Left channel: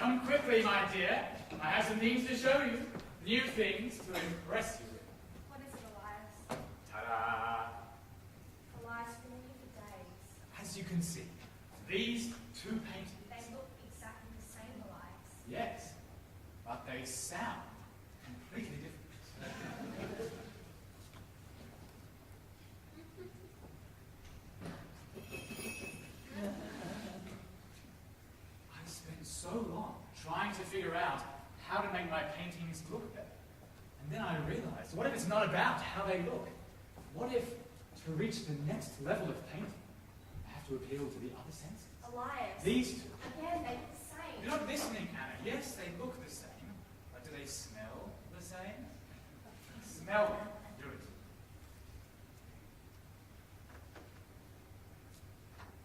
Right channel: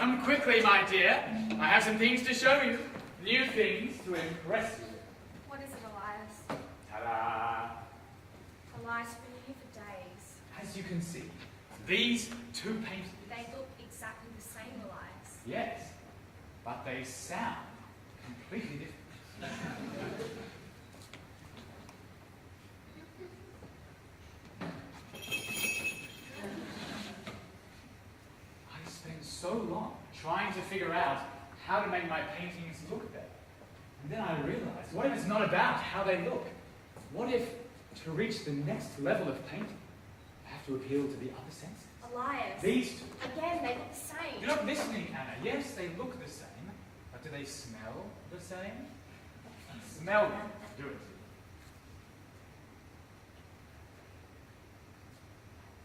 come quickly, my dear. I have some things to show you. New things to impress you with. What is it, Elias? Ta-da! Elias, we've been here for days. As you can see, these two paintings. They look exactly the same, Elias. Yes, but they sound completely different. I spent so long trying to figure out how to make my paintings look better. And then I realized, what if it's not about how they look? What if, to reach the next level of painting, I have to appeal to the other senses? Elias. These two. Again, they look the same. You're not listening, Anna. Yes, they look the same, but do they smell the same? Smell them. Do it.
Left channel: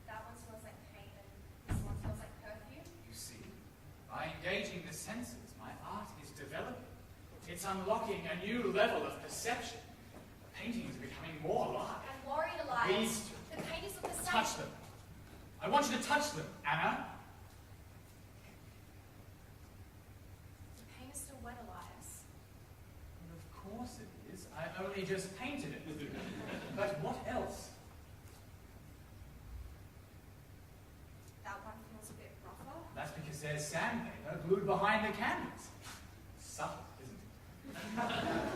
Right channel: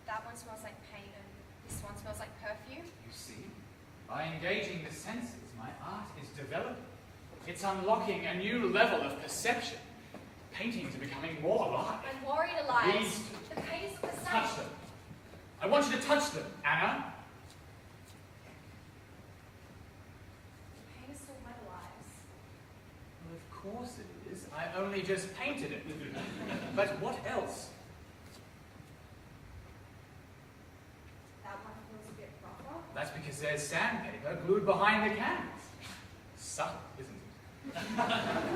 That one smells like paint and this one smells like perfume. You see, by engaging the senses, my art is developing. It's unlocking a new level of perception. Paintings are becoming more alive. I'm worried, Elias. These two. The paintings look the same. Touch them. I want you to touch them, Anna. The paint is still wet, Elias. Well, of course it is. I only just painted it. But what else? That one feels a bit rougher. That's because there's sandpaper glued behind the canvas. Subtle, isn't it? I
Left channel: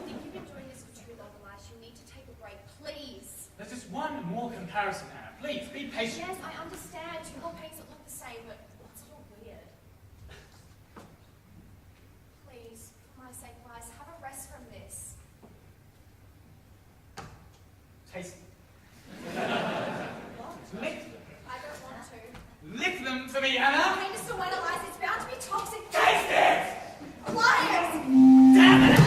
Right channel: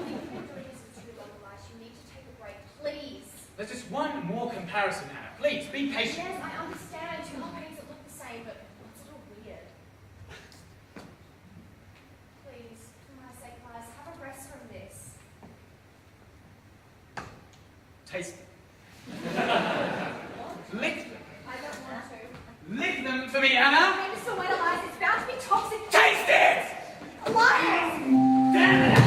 think you've been doing this for too long, Elias. You need to take a break, please. There's just one more comparison, Anna. Please, be patient. Yes, I understand. Two whole paintings that look the same, but it's a little weird. Please, for my sake, Elias, have a rest from this. Taste them. Lick them. I don't want to. Lick them for me, Anna. The paint is still wet, Elias. It's bound to be toxic. Taste it! Elias! Damn it!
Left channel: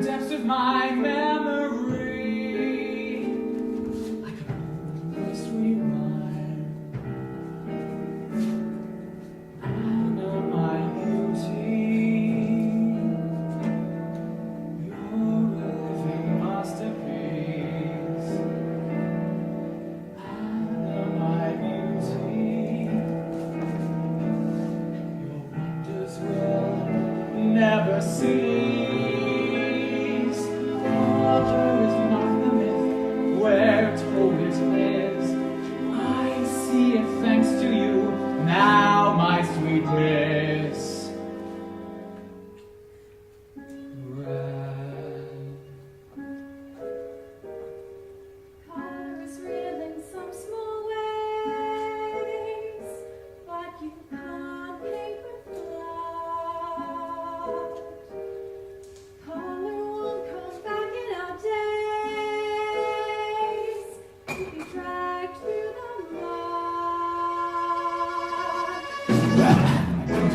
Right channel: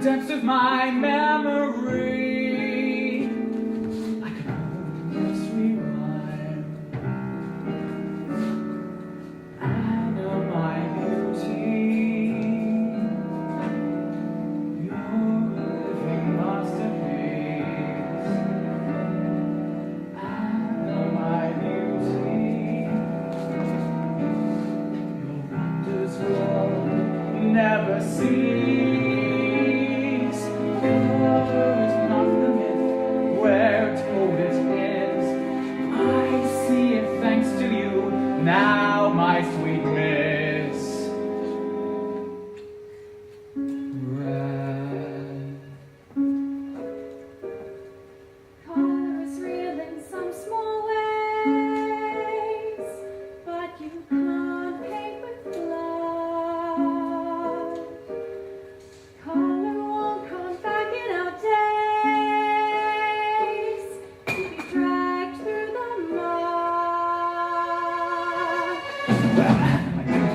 Depths of my memory, like an old nursery rhyme. Anna, my beauty, you're a living masterpiece. Anna, my beauty, your wonders will never cease. Now, my sweet miss, Color is real in some small ways, but you can't paint with blood. Color won't come back in our days if you dragged through the mud.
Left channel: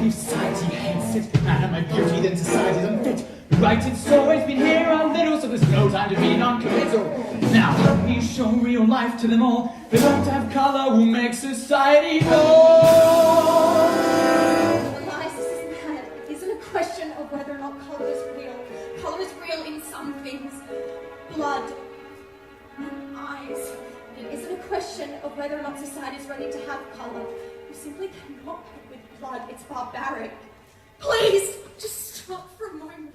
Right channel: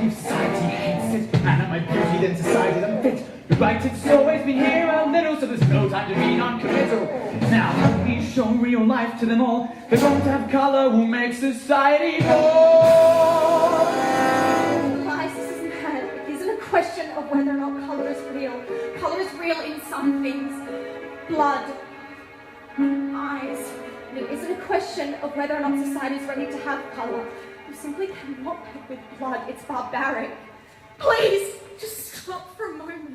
Society hates it, and my beauty then society doesn't fit. You're right, it's always been here a little, so there's no time to be non-committal. Now help me show real life to them all. They don't have colour will make society more. Lies, this isn't bad. It isn't a question of whether or not colour is real. Colour is real in some things. Blood. Eyes. It isn't a question of whether or not society is ready to have colour. You simply cannot put with blood. It's barbaric. Please, just stop for a moment.